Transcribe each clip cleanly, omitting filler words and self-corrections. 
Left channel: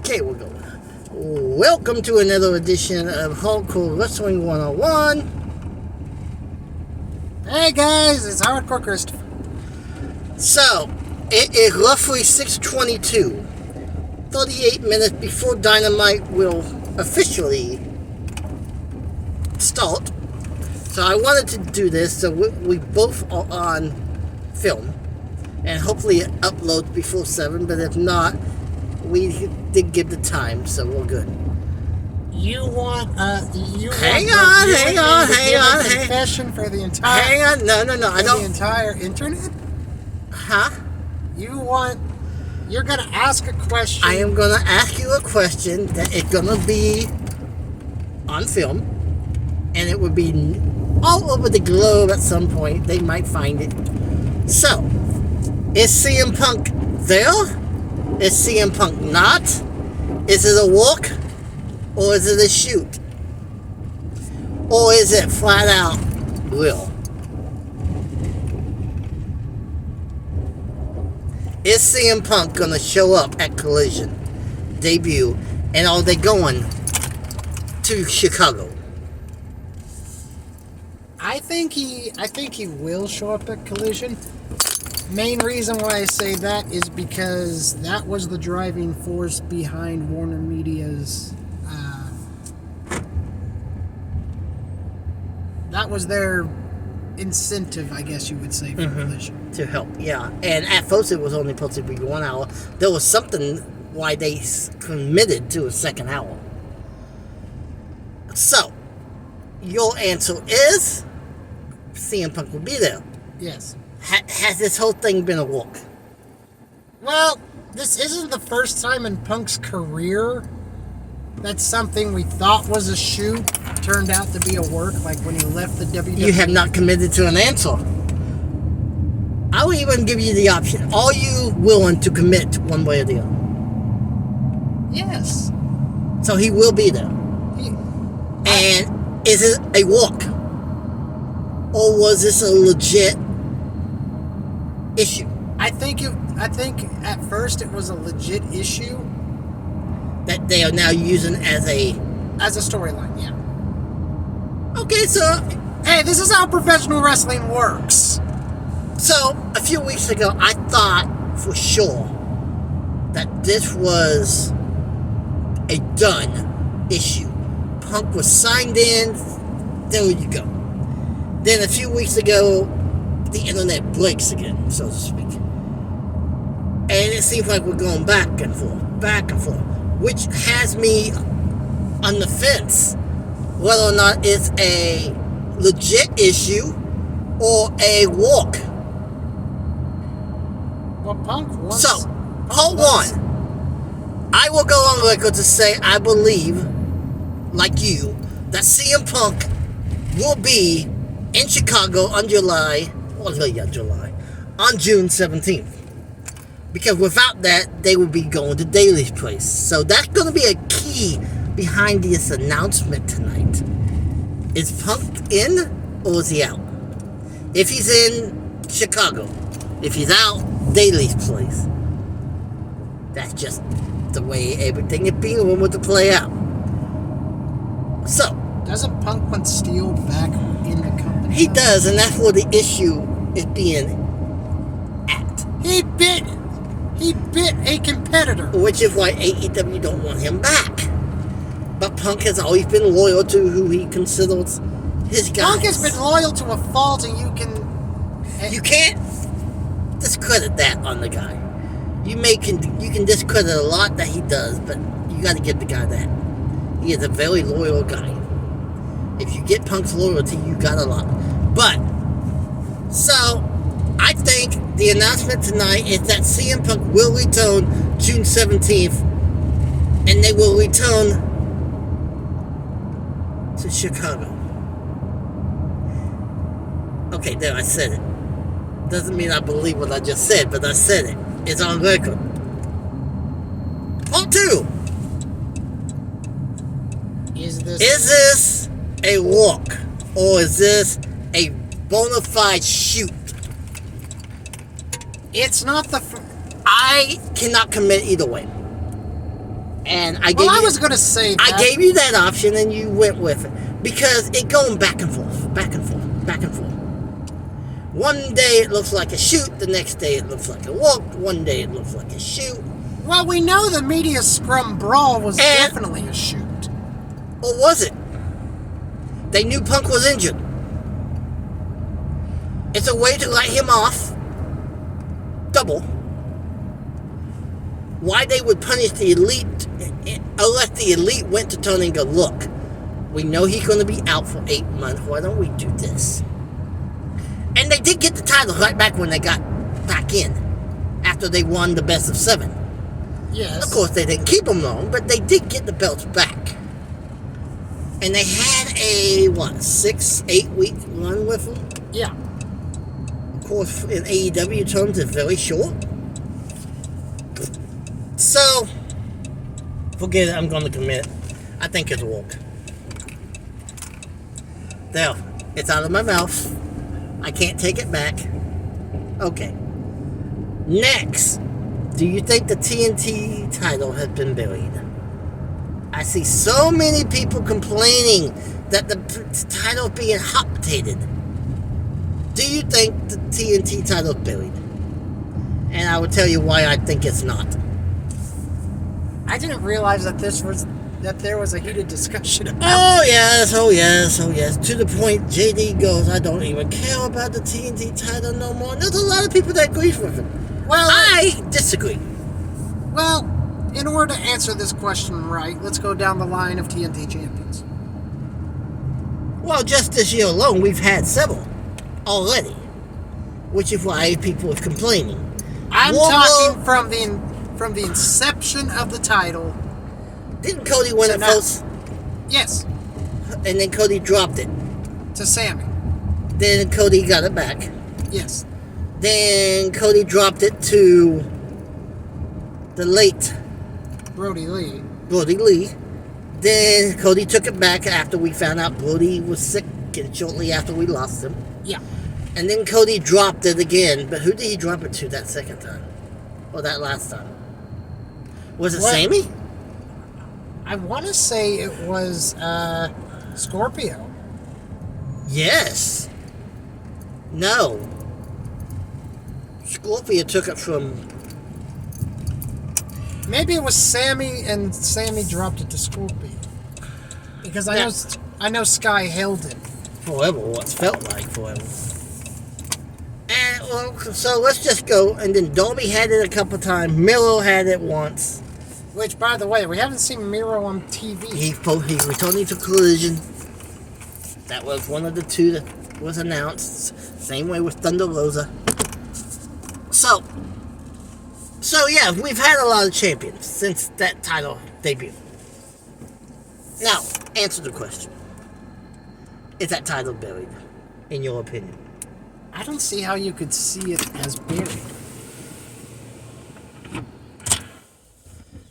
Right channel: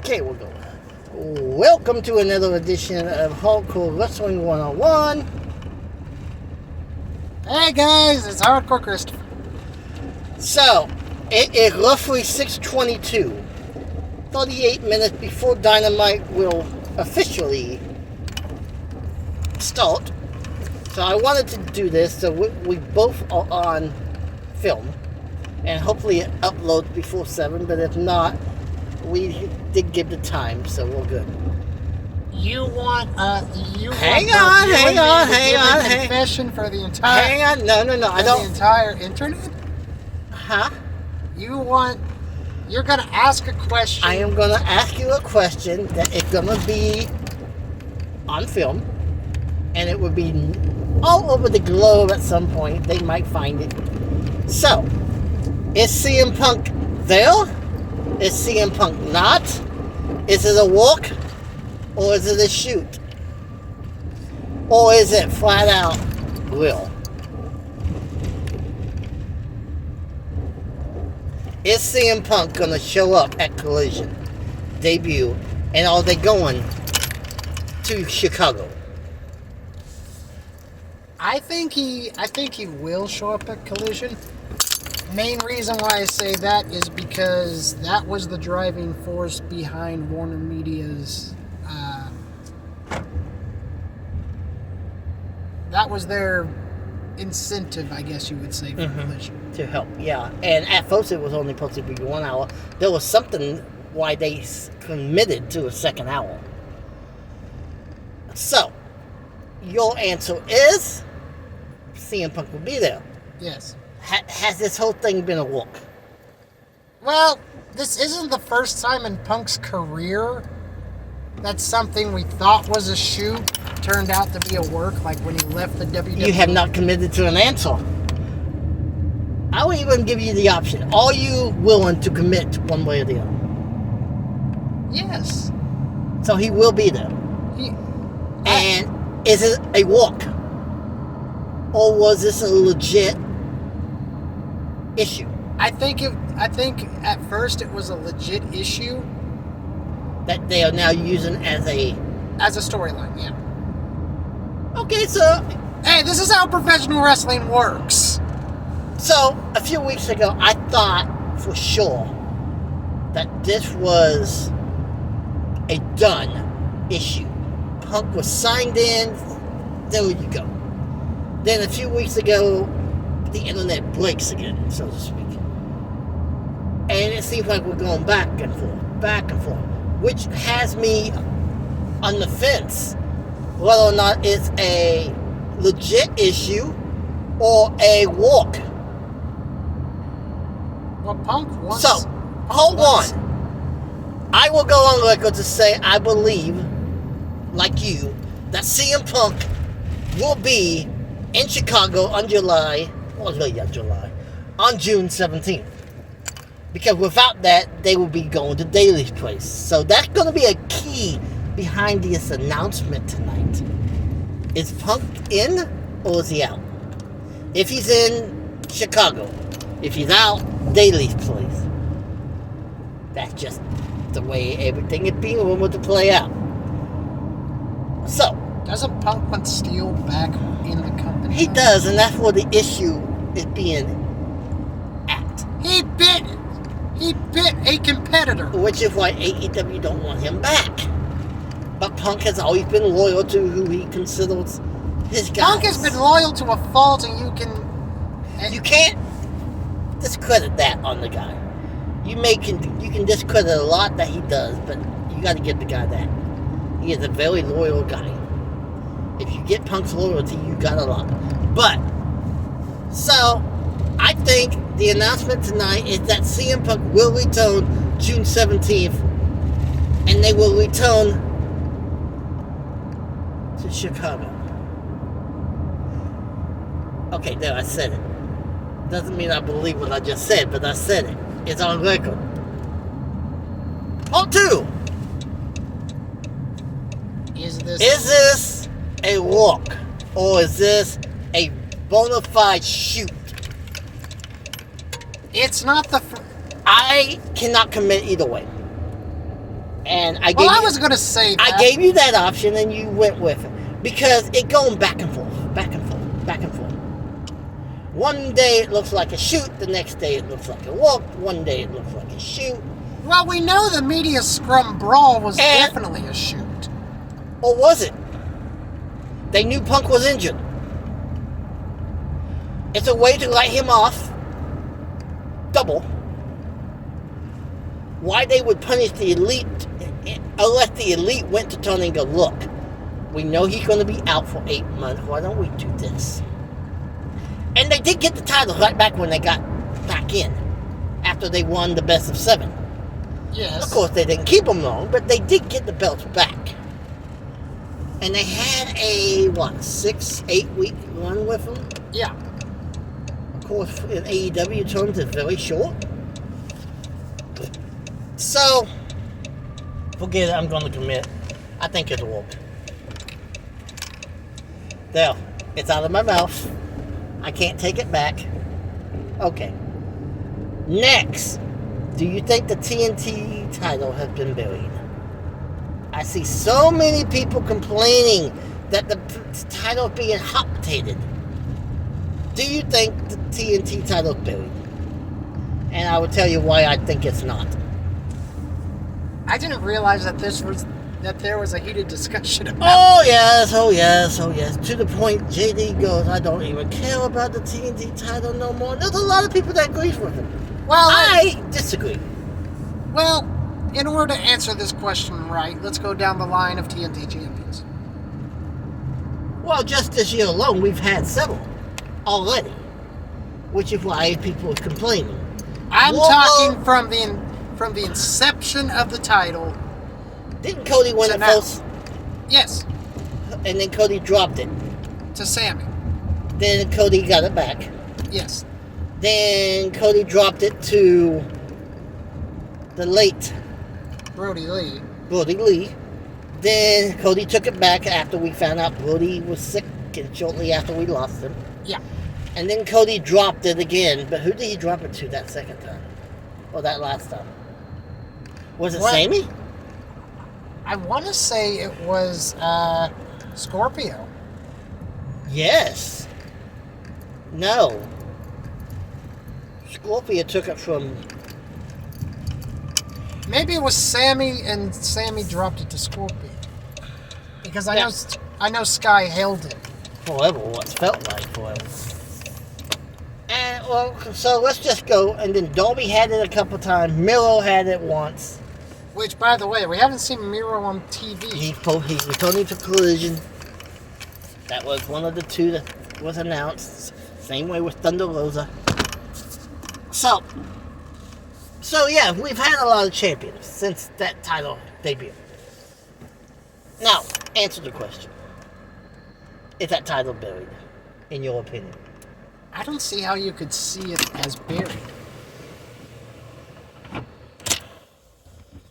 Okay, we'll go. Welcome to another edition of Hardcore Wrestling 101. Hey guys, it's Hardcore Christopher. So, it is roughly 6:22, 38 minutes before Dynamite will officially start. So I wanted to do this so we both are on film, and hopefully it uploads before 7, but if not, we did give the time, so we're good. Hang on. Confession for the entire. Hang on, no, I don't. The entire internet. Huh? You're gonna ask a question. I am gonna ask you a question that is gonna be on film, and it will be all over the globe at some point. They might find it. So, is CM Punk there? Is CM Punk not? Is it a walk? Or is it a shoot? Or is it flat out real? Is CM Punk gonna show up at Collision debut, and are they going to Chicago? I think he will show up at Collision. Main reason why I say that is because that was the driving force behind Warner Media's. That was their incentive, I guess you would say, for Collision. To help, yeah. And at first it was only supposed to be 1 hour. There was something why they committed to a second hour. So, your answer is CM Punk will be there. Yes. Has this whole thing been a walk? Well, this isn't the first time in Punk's career that something we thought was a shoot turned out to be a work, like when he left the WWE. You have not committed to an answer. I will even give you the option. Are you willing to commit one way or the other? Yes. So he will be there. And is it a walk? Or was this a legit issue? I think at first it was a legit issue that they are now using as a storyline, yeah. Okay, so hey, this is how professional wrestling works. So a few weeks ago, I thought for sure that this was a done issue. Punk was signed in. There you go. Then a few weeks ago, the internet breaks again, so to speak. And it seems like we're going back and forth, which has me on the fence whether or not it's a legit issue or a walk. Well, Punk wants... So, hold on. I will go on record to say I believe, like you, that CM Punk will be in Chicago on June 17th. Because without that, they will be going to Daly's place. So that's going to be a key behind this announcement tonight. Is Punk in or is he out? If he's in, Chicago. If he's out, Daly's place. That's just the way everything is being rumored to play out. So, doesn't Punk want Steel back in the company? He does, and that's where the issue is being at. He bit a competitor. Which is why AEW don't want him back. But Punk has always been loyal to who he considers his guys. Punk has been loyal to a fault, and you can't discredit that on the guy. You can discredit a lot that he does, but you got to give the guy that. He is a very loyal guy. If you get Punk's loyalty, you got a lot. But, so, I think the announcement tonight is that CM Punk will return June 17th, and they will return to Chicago. Okay, there, I said it. Doesn't mean I believe what I just said, but I said it. It's on record. Part 2. Is this a walk? Or is this a bona fide shoot? It's not the... I cannot commit either way. And I Well, I was going to say that. I gave you that option and you went with it. Because it going back and forth, back and forth, back and forth. One day it looks like a shoot, the next day it looks like a walk, one day it looks like a shoot. Well, we know the media scrum brawl was definitely a shoot. Or was it? They knew Punk was injured. It's a way to let him off. Double. Why they would punish the Elite unless the Elite went to Tony and go, look, we know he's going to be out for 8 months. Why don't we do this? And they did get the title right back when they got back in. After they won the best of 7. Yes. Of course, they didn't keep them long, but they did get the belts back. And they had a, 6-8 week run with them? Yeah. Of course, in AEW terms, it's very short. So, forget it, I'm going to commit. I think it's a walk. There, it's out of my mouth. I can't take it back. Okay. Next, do you think the TNT title has been buried? I see so many people complaining that the title is being hot potatoed. Do you think the TNT title is buried? And I will tell you why I think it's not. I didn't realize that there was a heated discussion about Oh yes. To the point JD goes, I don't even care about the TNT title no more. And there's a lot of people that agree with him. Well, I disagree. Well, in order to answer this question right, let's go down the line of TNT champions. Well, just this year alone, we've had several already, which is why people are complaining. I'm talking from the inception of the title. Didn't Cody win it first? Yes. And then Cody dropped it. To Sammy. Then Cody got it back. Yes. Then Cody dropped it to the late Brody Lee. Then Cody took it back after we found out Brody was sick and shortly after we lost him. Yeah. And then Cody dropped it again. But who did he drop it to that second time? Or that last time? Was it Sammy? I want to say it was Scorpio. Yes. No. Scorpio took it from... Maybe it was Sammy, and Sammy dropped it to Scorpio. Because I know Sky held it. Forever, what's felt like forever. And, well, so let's just go. And then Darby had it a couple times. Miro had it once. Which, by the way, we haven't seen Miro on TV. He returning to Collision. That was one of the two that was announced. Same way with Thunder Rosa. So yeah, we've had a lot of champions since that title debut. Now, answer the question. Is that title buried, in your opinion? I don't see how you could see it as buried.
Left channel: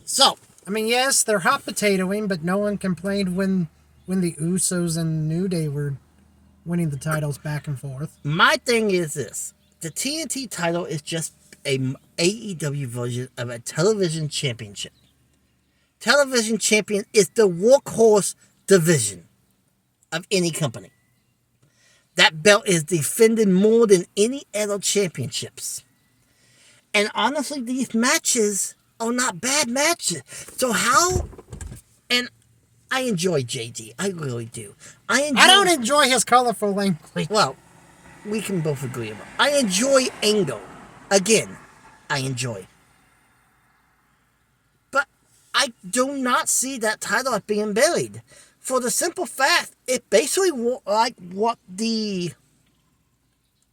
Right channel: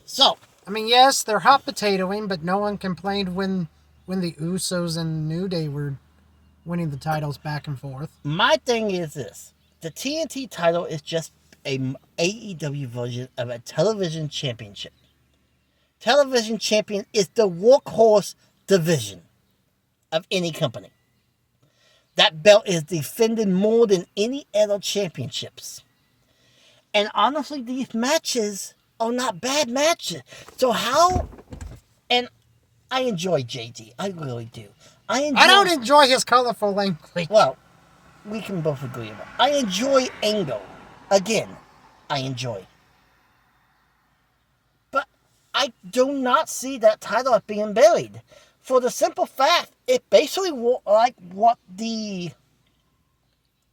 So, I mean, yes, they're hot potatoing, but no one complained when the Usos and New Day were winning the titles back and forth. My thing is this. The TNT title is just a AEW version of a television championship. Television champion is the workhorse division of any company. That belt is defended more than any other championships. And honestly, these matches are not bad matches. So how... And I enjoy JD. I really do. I don't enjoy his colorful language. Well, we can both agree about it. I enjoy Angle. Again, I enjoy. But I do not see that title being buried. For the simple fact, it basically like what the...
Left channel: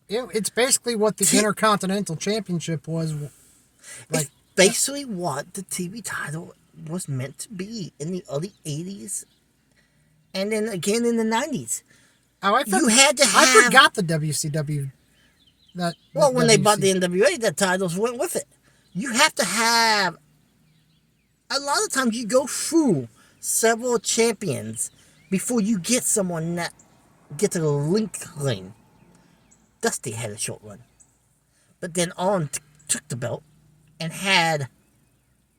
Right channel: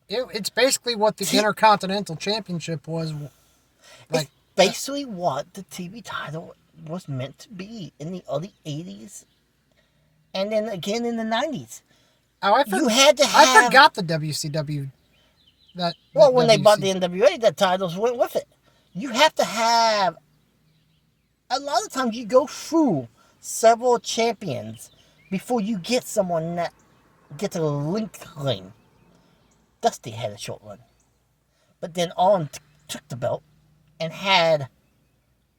It's basically what the Intercontinental Championship was. It's basically what the TV title was meant to be in the early 80s. And then again in the 90s. Oh, you had to have... I forgot the WCW. When they bought the NWA, the titles went with it. You have to have... A lot of times you go through several champions before you get someone that gets a link ring. Dusty had a short run. But then on took the belt and had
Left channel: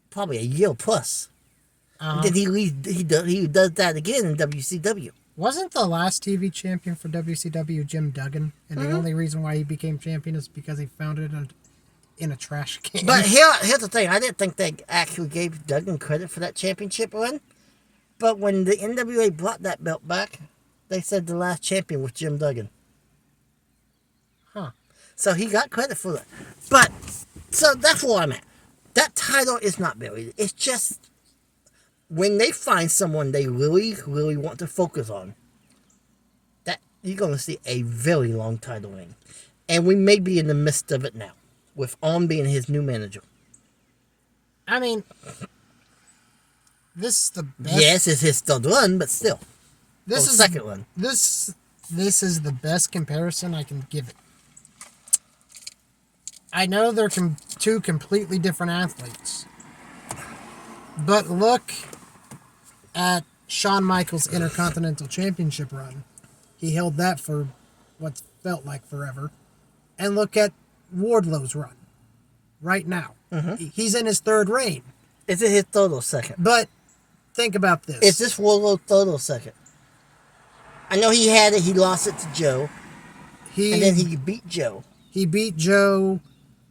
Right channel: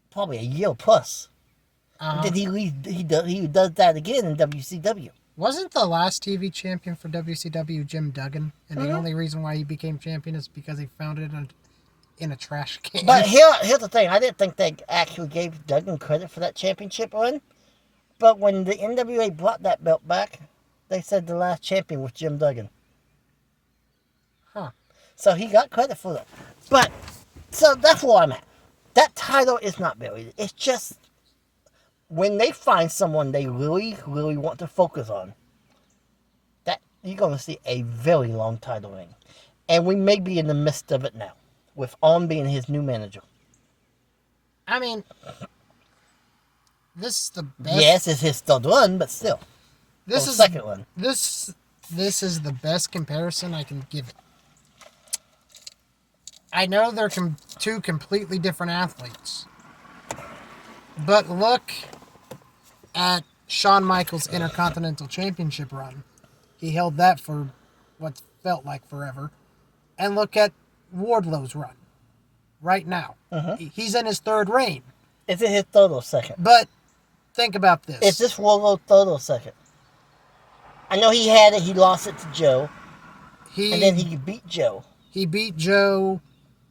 probably a year plus And then he does that again in WCW. Wasn't the last TV champion for WCW Jim Duggan? And the only reason why he became champion is because he found it in a trash can. But here's the thing. I didn't think they actually gave Duggan credit for that championship run. But when the NWA brought that belt back, they said the last champion was Jim Duggan. Huh. So he got credit for that. But, so that's where I'm at. That title is not buried. It's just, when they find someone they really, really want to focus on, that you're going to see a very long title reign. And we may be in the midst of it now, with On being his new manager. I mean, this is the best. Yes, it's his third run, but still. This is second run. This is the best comparison I can give it. I know they're two completely different athletes, but look at Shawn Michaels' Intercontinental Championship run. He held that for what felt like forever. And look at Wardlow's run right now. He's in his third reign. Is it his third or second? But think about this. Is this Wardlow's third or second? I know he had it. He lost it to Joe. And then he beat Joe. He beat Joe.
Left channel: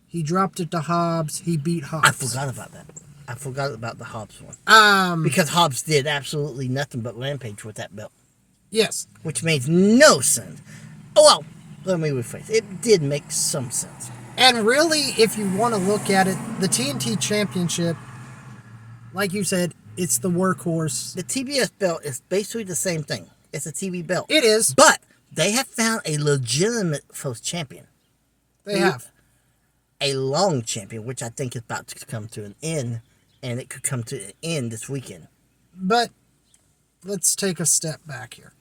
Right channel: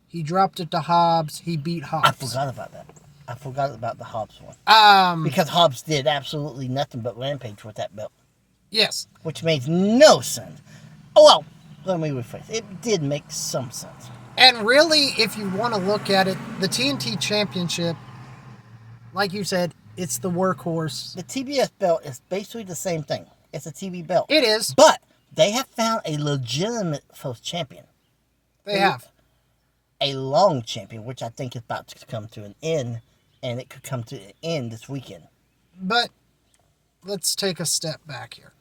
He dropped it to Hobbs. He beat Hobbs. I forgot about that. I forgot about the Hobbs one. Because Hobbs did absolutely nothing but Rampage with that belt. Yes. Which makes no sense. Oh, well, let me rephrase. It did make some sense. And really, if you want to look at it, the TNT Championship, like you said, it's the workhorse. The TBS belt is basically the same thing. It's a TV belt. It is. But they have found a legitimate first champion. They have. A long champion, which I think is about to come to an end, and it could come to an end this weekend. But let's take a step back here.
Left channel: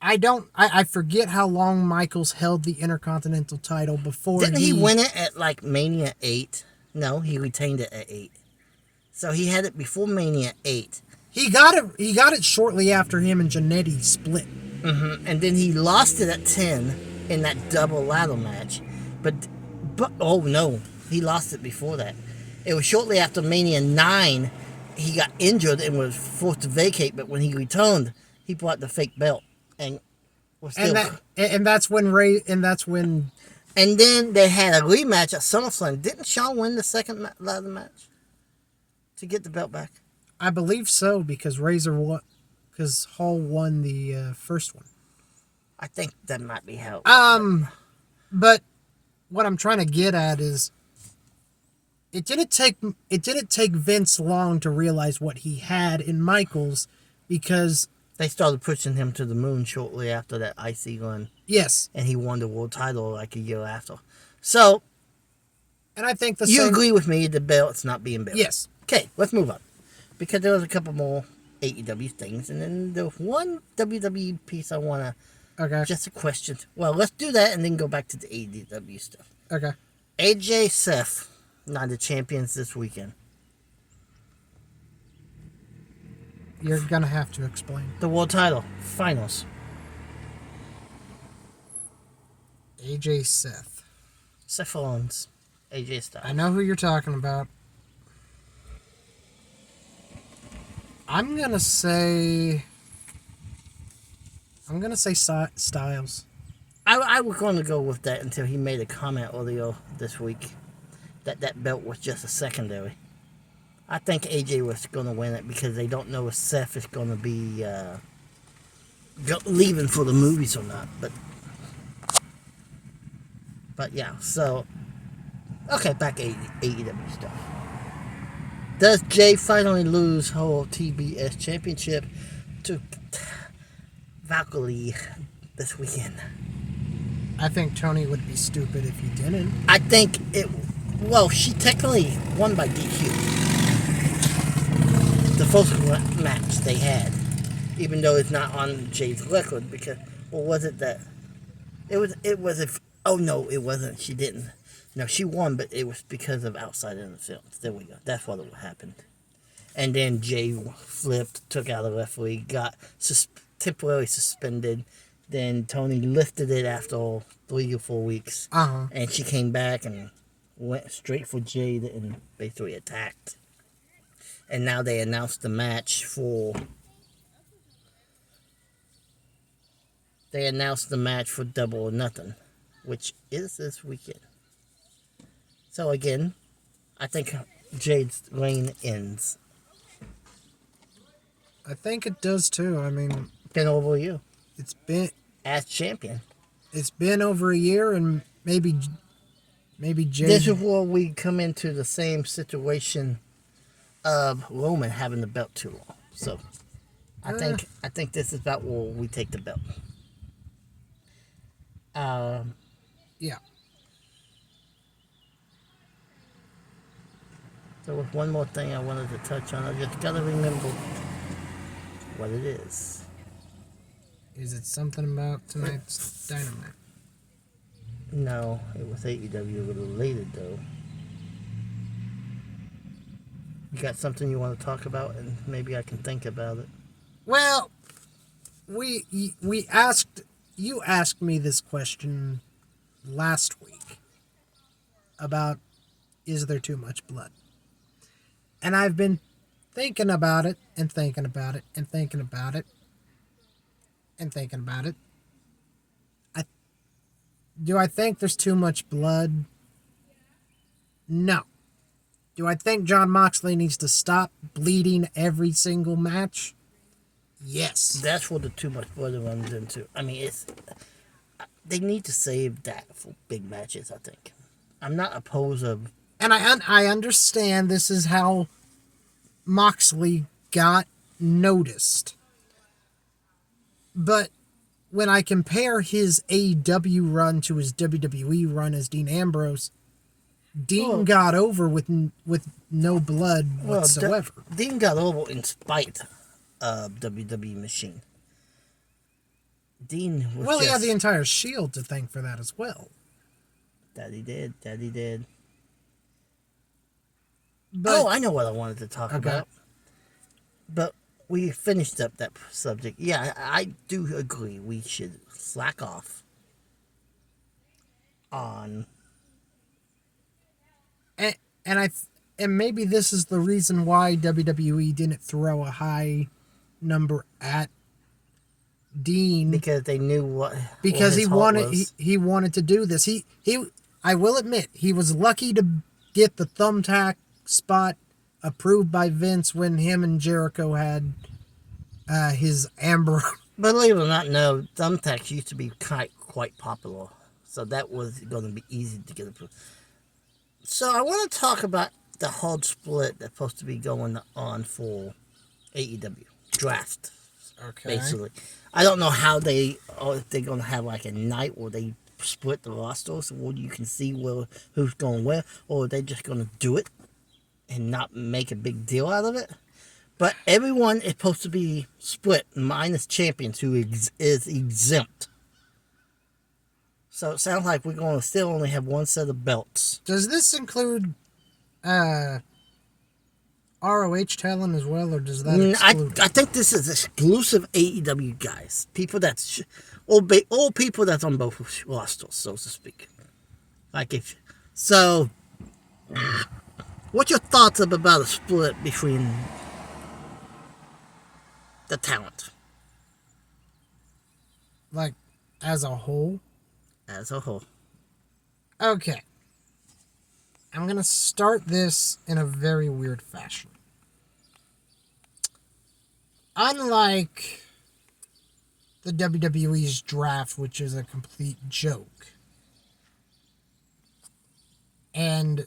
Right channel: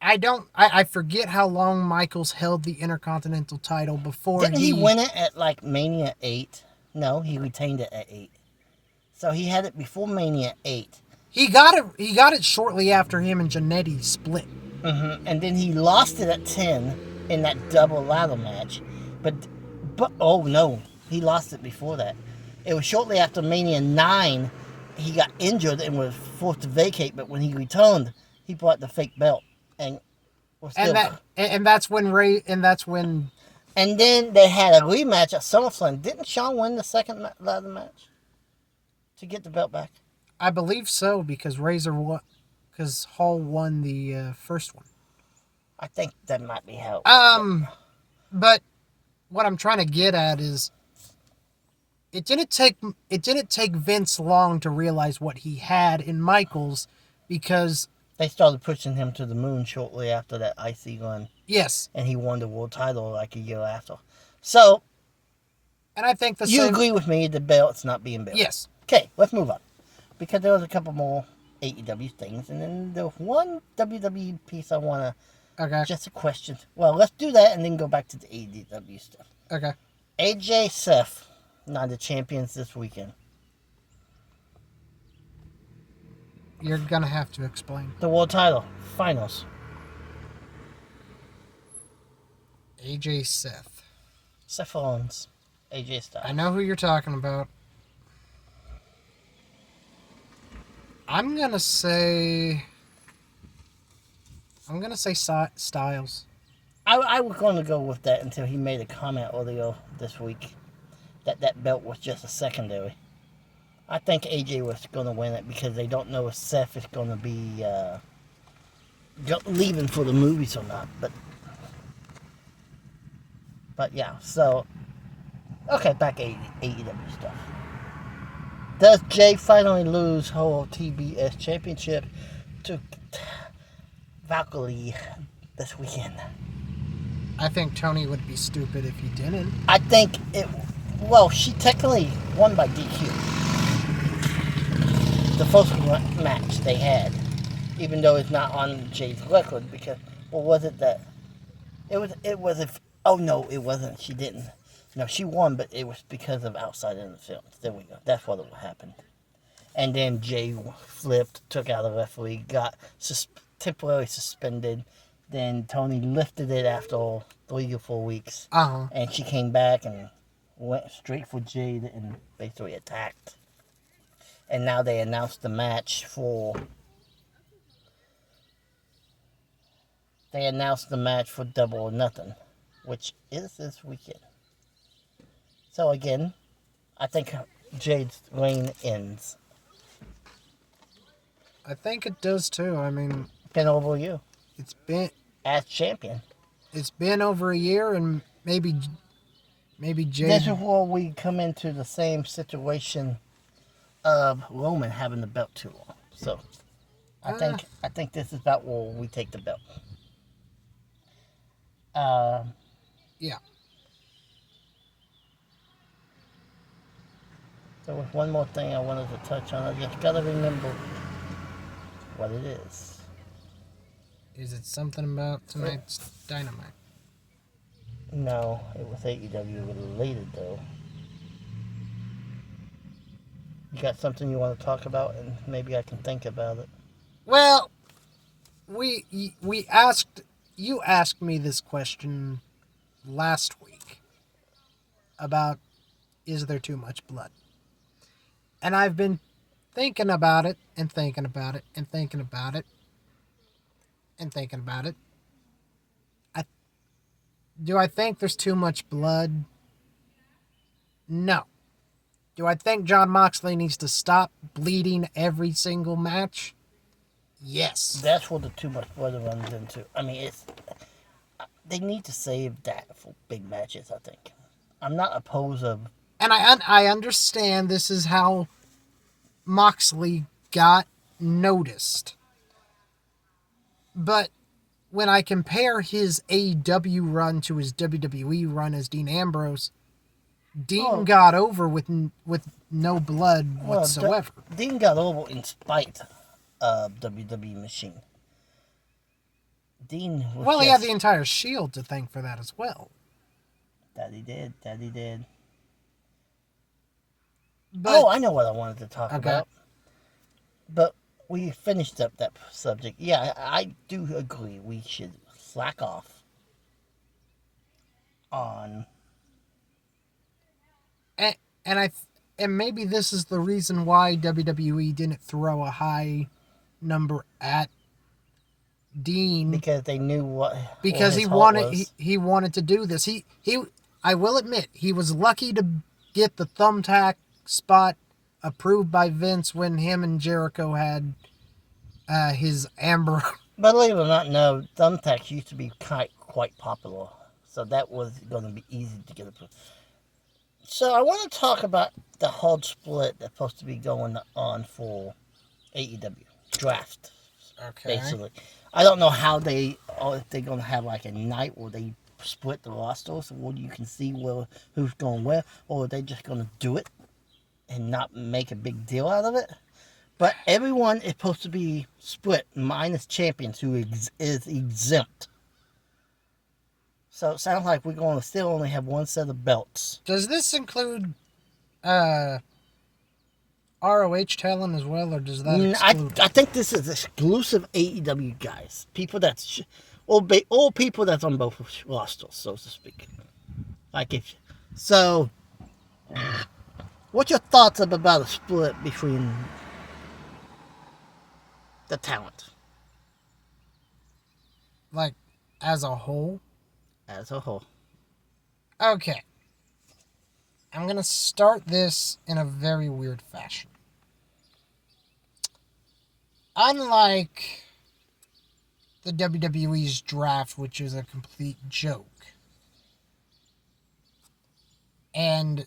I forget how long Michaels held the Intercontinental title before. Didn't he win it at like Mania 8? No, he retained it at 8. So he had it before Mania 8. He got it shortly after him and Jannetty split. And then he lost it at 10 in that double ladder match. But oh no, he lost it before that. It was shortly after Mania 9 he got injured and was forced to vacate, but when he returned, he brought the fake belt. And that's when and then they had a rematch at SummerSlam. Didn't Shawn win the second ladder match to get the belt back? I believe so, because Hall won the first one. I think that might be how. But what I'm trying to get at is, it didn't take Vince long to realize what he had in Michaels, because they started pushing him to the moon shortly after that IC run. Yes, and he won the world title like a year after. So, and I think you agree with me, the belt's not being built. Yes. Okay, let's move on, because there was a couple more AEW things, and then the one WWE piece I want to. Okay. Just a question. Well, let's do that and then go back to the AEW stuff. Okay. AJ Seth, not the champions this weekend. You're gonna have to explain. The world title finals. AJ Seth. Seth Rollins, AJ Styles. I know who you're talking about. I'm gonna say Styles. I was going to go with that until he made a comment earlier this week that belt was just a secondary. I think AJ was going to win it because they don't know if Seth is going to be leaving for the movies or not. But yeah, so okay, back to AEW stuff. Does Jay finally lose whole TBS championship to Valkyrie this weekend? I think Tony would be stupid if he didn't. I think she technically won by DQ. The first match they had, even though it's not on Jay's record, because, was it that? It wasn't. She didn't. No, she won, but it was because of outside interference. There we go. That's what happened. And then Jay flipped, took out the referee, got temporarily suspended. Then Tony lifted it after 3 or 4 weeks. Uh-huh. And she came back and went straight for Jade and basically attacked. And now they announced the match for. They announced the match for Double or Nothing, which is this weekend. So again, I think Jade's reign ends. I think it does too. I mean, Been over you it's been as champion. it's been over a year, and maybe Jade. This is where we come into the same situation of Roman having the belt too long. So I think this is about where we take the belt. Yeah. So with one more thing I wanted to touch on, I just gotta remember what it is. Is it something about tonight's Dynamite? No, it was AEW related though. You got something you want to talk about, and maybe I can think about it. Well, you asked me this question last week about is there too much blood? And I've been thinking about it and thinking about it and thinking about it and thinking about it. Do I think there's too much blood? No. Do I think Jon Moxley needs to stop bleeding every single match? Yes. That's what the too much blood runs into. I mean, they need to save that for big matches, I think. I'm not opposed of... And I understand this is how Moxley got noticed. But when I compare his AEW run to his WWE run as Dean Ambrose, Dean got over with no blood whatsoever. Dean got over in spite of WWE Machine. Dean was he had the entire Shield to thank for that as well. That he did. But, I know what I wanted to talk about. But we finished up that subject. Yeah, I do agree we should slack off on... And maybe this is the reason why WWE didn't throw a high number at Dean, because they knew he wanted to do this. He I will admit he was lucky to get the thumbtack spot approved by Vince when him and Jericho had his Amber. Believe it or not, no, thumbtacks used to be quite popular, so that was going to be easy to get approved. So I want to talk about the hard split that's supposed to be going on for AEW draft. Okay. Basically, I don't know how if they're going to have like a night where they split the roster so where you can see who's going where, or are they just going to do it and not make a big deal out of it? But everyone is supposed to be split, minus champions who is exempt. So it sounds like we're going to still only have one set of belts. Does this include ROH talent as well, or does that exclude? I think this is exclusive AEW guys. People that's... all people that's on both rosters, so to speak. So, what's your thoughts about a split between the talent? Like, as a whole? As a whole. Okay. I'm going to start this in a very weird fashion. Unlike the WWE's draft, which is a complete joke, and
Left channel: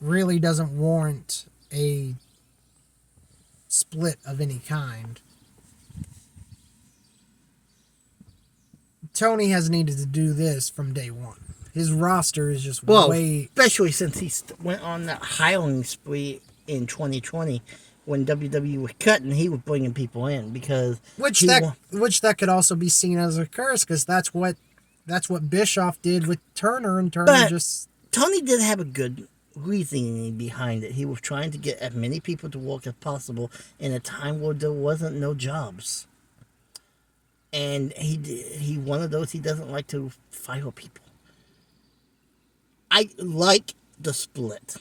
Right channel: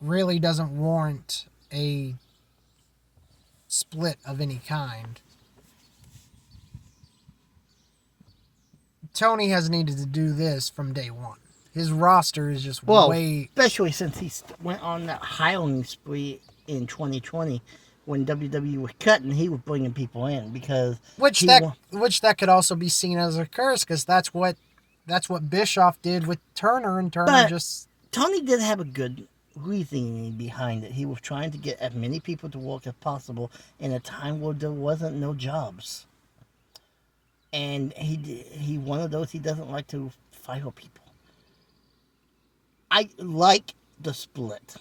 really doesn't warrant a split of any kind, Tony has needed to do this from day one. His roster is just way... especially since he went on that hiring spree in 2020 when WWE was cutting, he was bringing people in because... Which that could also be seen as a curse, because that's what Bischoff did with Turner, and Turner just... Tony did have a good reasoning behind it. He was trying to get as many people to work as possible in a time where there wasn't no jobs. And he one of those, he doesn't like to fire people. I like the split.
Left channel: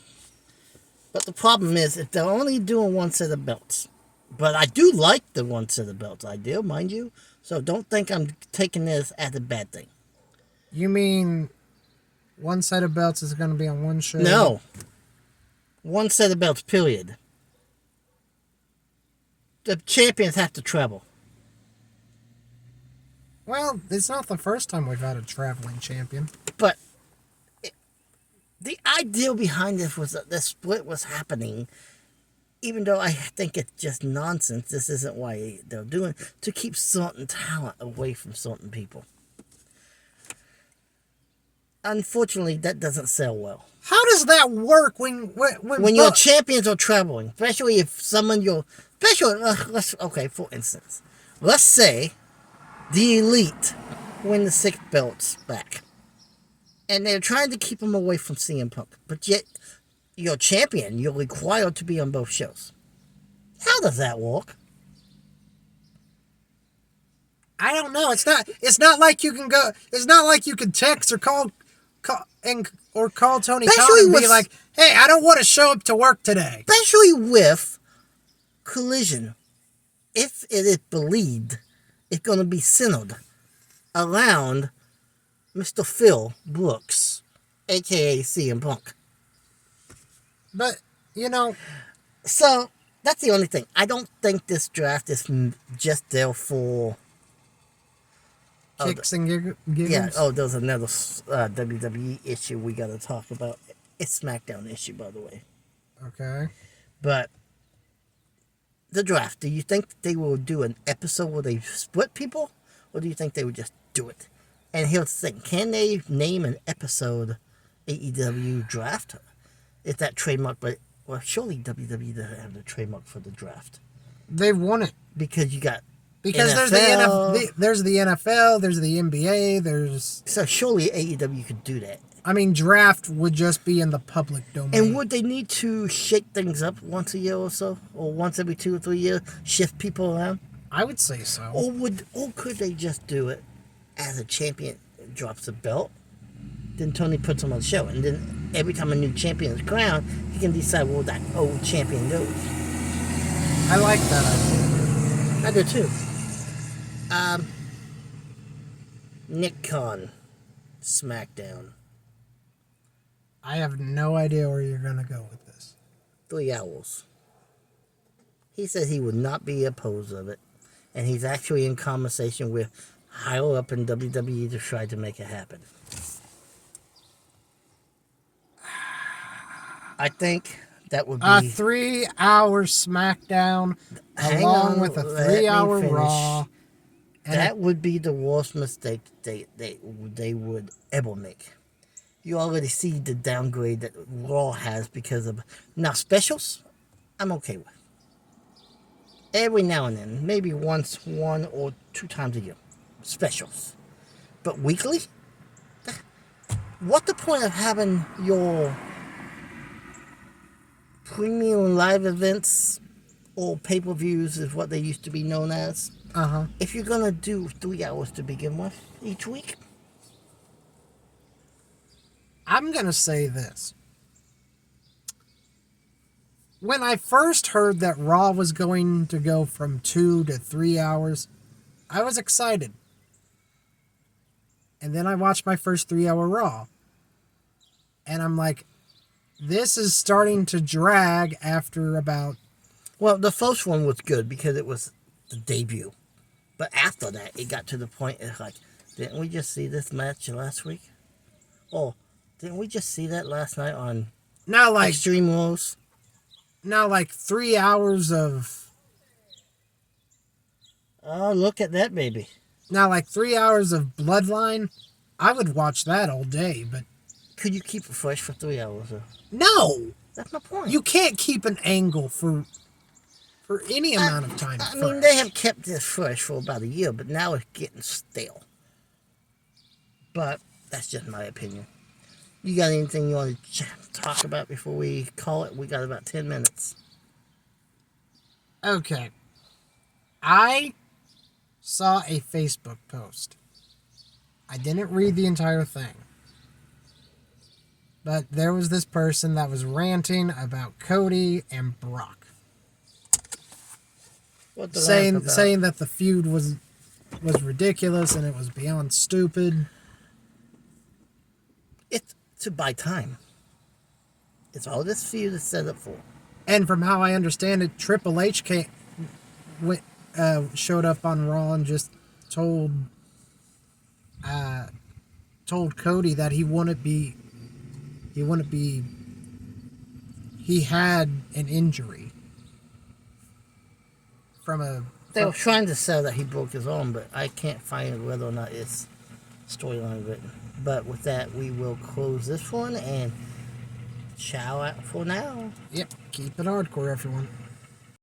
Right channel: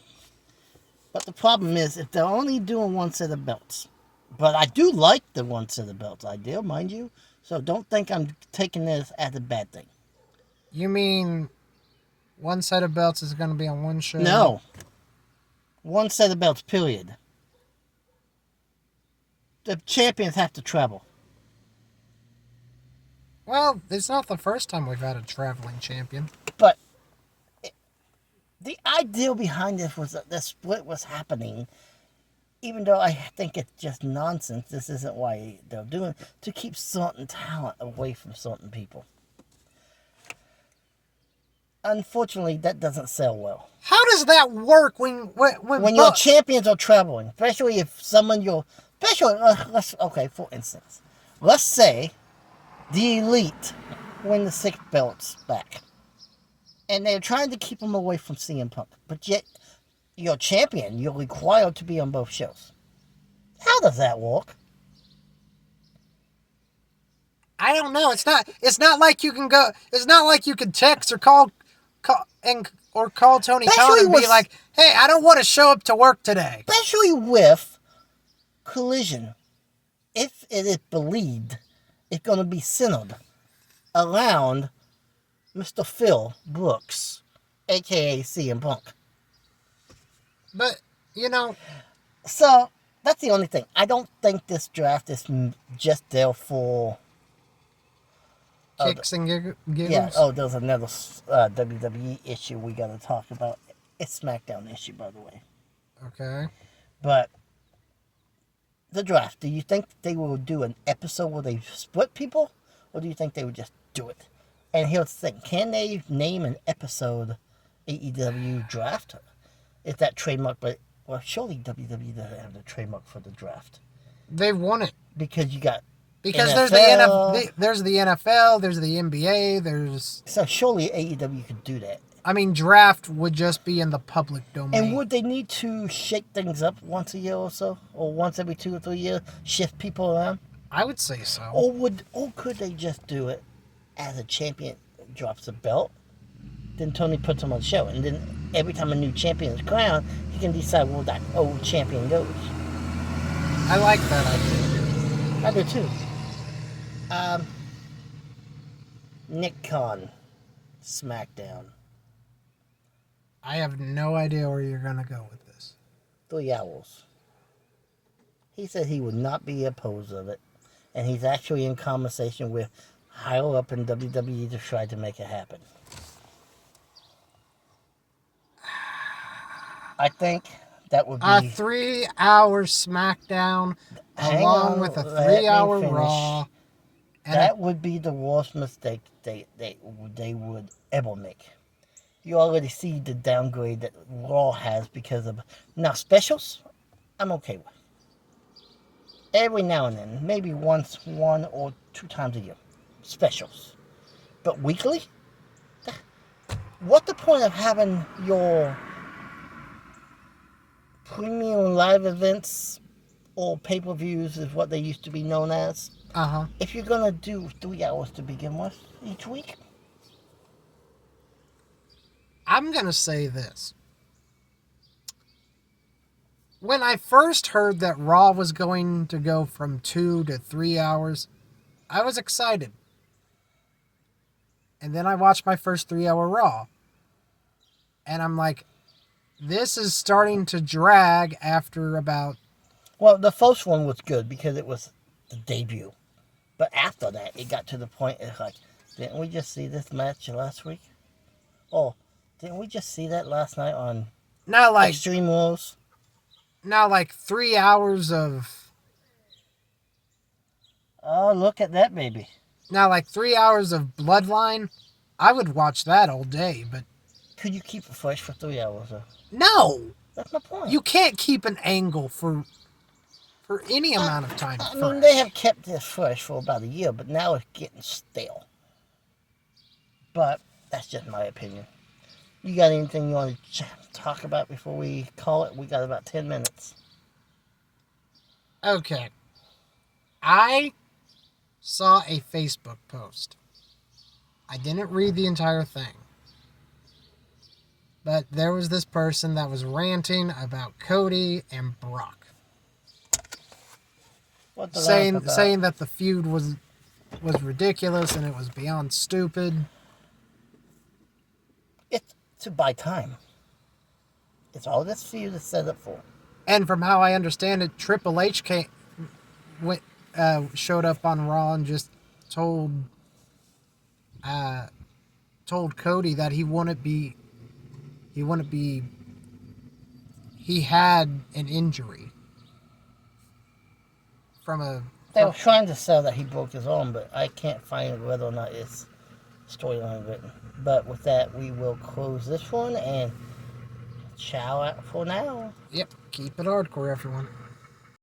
But the problem is, if they're only doing one set of belts, but I do like the one set of belts idea, mind you, so don't think I'm taking this as a bad thing. You mean one set of belts is going to be on one show? No. One set of belts, period. The champions have to travel. Well, it's not the first time we've had a traveling champion. But the idea behind this was that the split was happening, even though I think it's just nonsense. This isn't why they're doing it, to keep certain talent away from certain people. Unfortunately, that doesn't sell well. How does that work when your champions are traveling, especially if someone okay, for instance, let's say the Elite win the 6 belts back, and they're trying to keep them away from CM Punk, but yet your champion, you're required to be on both shows. How does that work? I don't know. It's not like you can go. It's not like you can text or call Tony Khan and be like, "Hey, I don't want to show up to work today." Especially with Collision, if it is believed, it's going to be centered around Mr. Phil Brooks, aka CM Punk. But so that's the only thing. I don't think this draft is just there for kicks and giggles. Yeah. Oh, there's another WWE issue we got to talk about. It's SmackDown issue, by the way. Okay. But the draft. Do you think they will do an episode where they split people, or do you think they would just do it? And here's the thing: can they name an episode AEW draft? Is that trademark? But well, surely WWE doesn't have the trademark for the draft. They've won it because you got. Because NFL. there's the NFL, there's the NBA, So surely AEW could do that. I mean, draft would just be in the public domain. And would they need to shake things up once a year or so? Or once every 2 or 3 years? Shift people around? I would say so. Or could they just do it as a champion drops a belt, then Tony puts him on the show, and then every time a new champion is crowned, he can decide where that old champion goes. I like that idea. I do too. Nick Khan, SmackDown. I have no idea where you're going to go with this. 3 hours. He said he would not be opposed of it. And he's actually in conversation with higher up in WWE to try to make it happen. I think that would be... A 3-hour SmackDown along with a 3-hour Raw. That would be the worst mistake they would ever make. You already see the downgrade that Raw has because of... Now, specials, I'm okay with. Every now and then, maybe one or 2 times a year. Specials. But weekly? What the point of having your premium live events or pay-per-views is what they used to be known as? Uh-huh. If you're going to do 3 hours to begin with each week? I'm going to say this. When I first heard that Raw was going to go from 2 to 3 hours, I was excited. And then I watched my first 3-hour Raw. And I'm like, this is starting to drag after about... Well, the first one was good because it was the debut. But after that, it got to the point, it's like, didn't we just see this match last week? Oh, didn't we just see that last night on Extreme Rules? Now, like 3 hours of... Oh, look at that, baby. Now, like 3 hours of Bloodline, I would watch that all day, but... Could you keep it fresh for 3 hours, though? No! That's my point. You can't keep an angle for any amount of time. I mean, they have kept this fresh for about a year, but now it's getting stale. But that's just my opinion. You got anything you want to talk about before we call it? We got about 10 minutes. Okay. I saw a Facebook post. I didn't read the entire thing. But there was this person that was ranting about Cody and Brock, What the saying that the feud was ridiculous and it was beyond stupid. It's to buy time. It's all this feud is set up for. And from how I understand it, Triple H showed up on Raw and just told Cody that he had an injury They were trying to sell that he broke his arm, but I can't find whether or not it's storyline written. But with that, we will close this one and ciao out for now. Yep, keep it hardcore, everyone.